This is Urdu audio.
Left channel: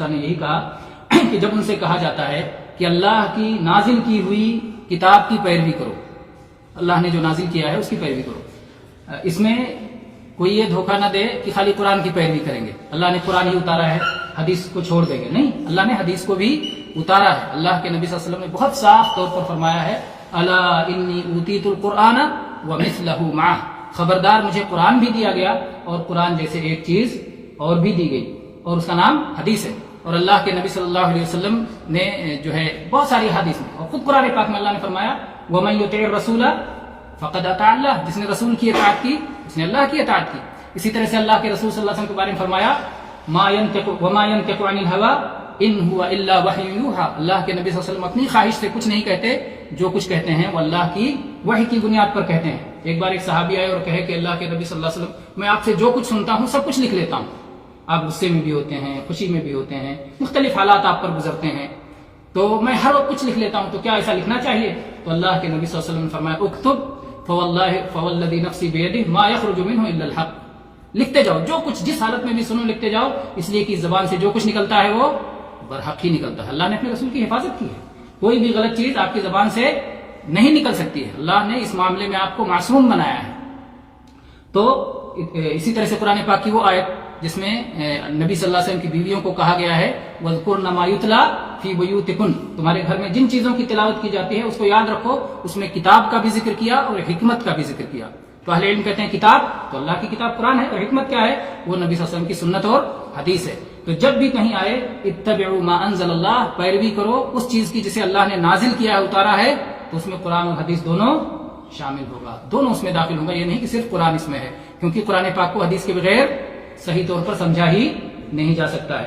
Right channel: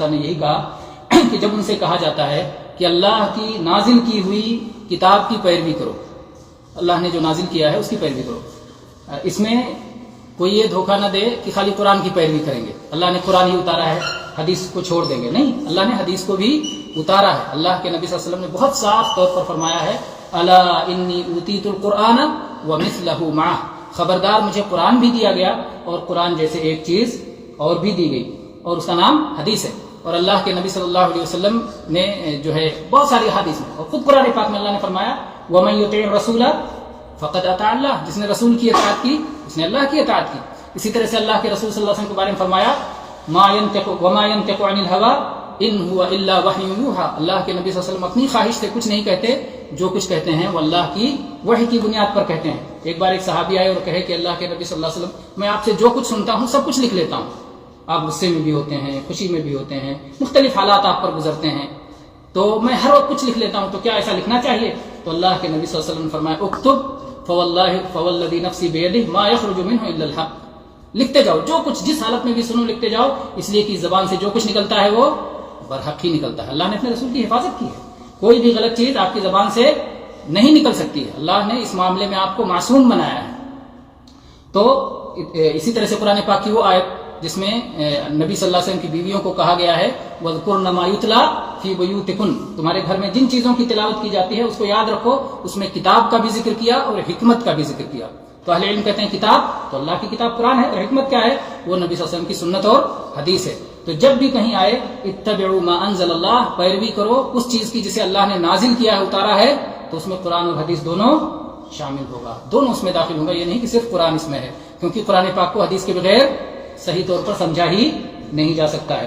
نے یہی کہا کہ جب ان سے کہا جاتا ہے کہ اللہ کی نازل کی ہوئی کتاب کی پیروی کرو، اللہ نے جو نازل کیا ہے اس کی پیروی کرو، اس میں کوئی یہ دھوکہ نہ دے کہ خالی قرآن کی پیروی کریں گے، اللہ نے قرآن ہی اتارا ہے حدیث کو چھوڑ دیں گے، نہیں، اللہ نے حدیث کو بھی اتارا ہے۔ اللہ کے نبی صلی اللہ علیہ وسلم نے بہت صاف طور پر فرمایا ہے، الا انی اوتیت القرآن ومثلہ معہ، خبردار مجھے قرآن بھی دیا گیا اور قرآن جیسے ایک چیز اور بھی دی گئی، اور اس کا نام حدیث ہے۔ اور اللہ کے نبی صلی اللہ علیہ وسلم نے جو ہے بہت ساری حدیث میں اور خود قرآن پاک میں اللہ نے فرمایا وَمَن يُطِعِ الرَّسُولَ فَقَدْ أَطَاعَ اللَّهَ، جس نے رسول کی اطاعت کی اس نے اللہ کی اطاعت کی۔ اسی طرح سے اللہ کے رسول صلی اللہ علیہ وسلم کے بارے میں فرمایا وَمَا يَنْطِقُ عَنِ الْهَوَىٰ إِنْ هُوَ إِلَّا وَحْيٌ يُوحَىٰ، اللہ کے نبی صلی اللہ علیہ وسلم اپنی خواہش سے کچھ نہیں کہتے، جو کچھ کہتے ہیں وہ اللہ کی وحی کی بنیاد پر کہتے ہیں۔ ایک بار ایک صحابی آئے اور کہے کہ اللہ کے نبی صلی اللہ علیہ وسلم میں آپ سے جو کچھ سنتا ہوں سب کچھ لکھ لیتا ہوں، آپ غصے میں بھی ہوتے ہیں، خوشی میں بھی ہوتے ہیں، مختلف حالات آپ پر گزرتے ہیں، تو میں ہر وقت کچھ لکھ لیتا ہوں، تو کیا ایسا لکھنا چاہیے؟ تو اللہ کے نبی صلی اللہ علیہ وسلم نے فرمایا اکتب فوالذی نفسی بیدہ ما یخرج منہ الا الحق، لکھتے جاؤ، جو کچھ جس حالت میں بھی سنو لکھتے جاؤ، اس لیے کہ زبان سے جو کچھ نکلتا ہے وہ برحق ہی نکلتا ہے۔ اللہ نے اپنے رسول کی حفاظت کی ہے، کوئی بھی غلط چیز آپ کی زبان سے نہیں نکل سکتی ہے، اللہ نے اس معاملے میں آپ کو معصوم بنایا ہے۔ تو اسی طرح سے قرآن پاک کی وہ آیت جس میں نبی صلی اللہ علیہ وسلم کی بیویوں کو کہا گیا ہے وَاذْكُرْنَ مَا يُتْلَىٰ فِي بُيُوتِكُنَّ، تمہارے گھر میں جن چیزوں کی تلاوت کی جاتی ہے اس کو یاد رکھو، اس میں کتاب کا بھی ذکر کیا اور حکمت کا بھی ذکر کیا۔ تو اہل علم کہتے ہیں کتاب تو اللہ کی کتاب قرآن ہے، اور حکمت کیا ہے؟ وہ نبی صلی اللہ علیہ وسلم کی سنت اور حدیث ہے۔ تو جب بھی کہیں آئے اتبعوا ما انزل اللہ، پیروی کرو اس چیز کی جسے اللہ نے نازل کیا ہے، اتارا ہے، تو اس میں قرآن اور حدیث دونوں شامل ہوگا، دونوں اس میں داخل ہوگا، یہ نہیں کہ صرف قرآن اس میں ہے، کیونکہ قرآن پاک کو حدیث کے بغیر صحیح طور پر سمجھا ہی نہیں جا سکتا ہے۔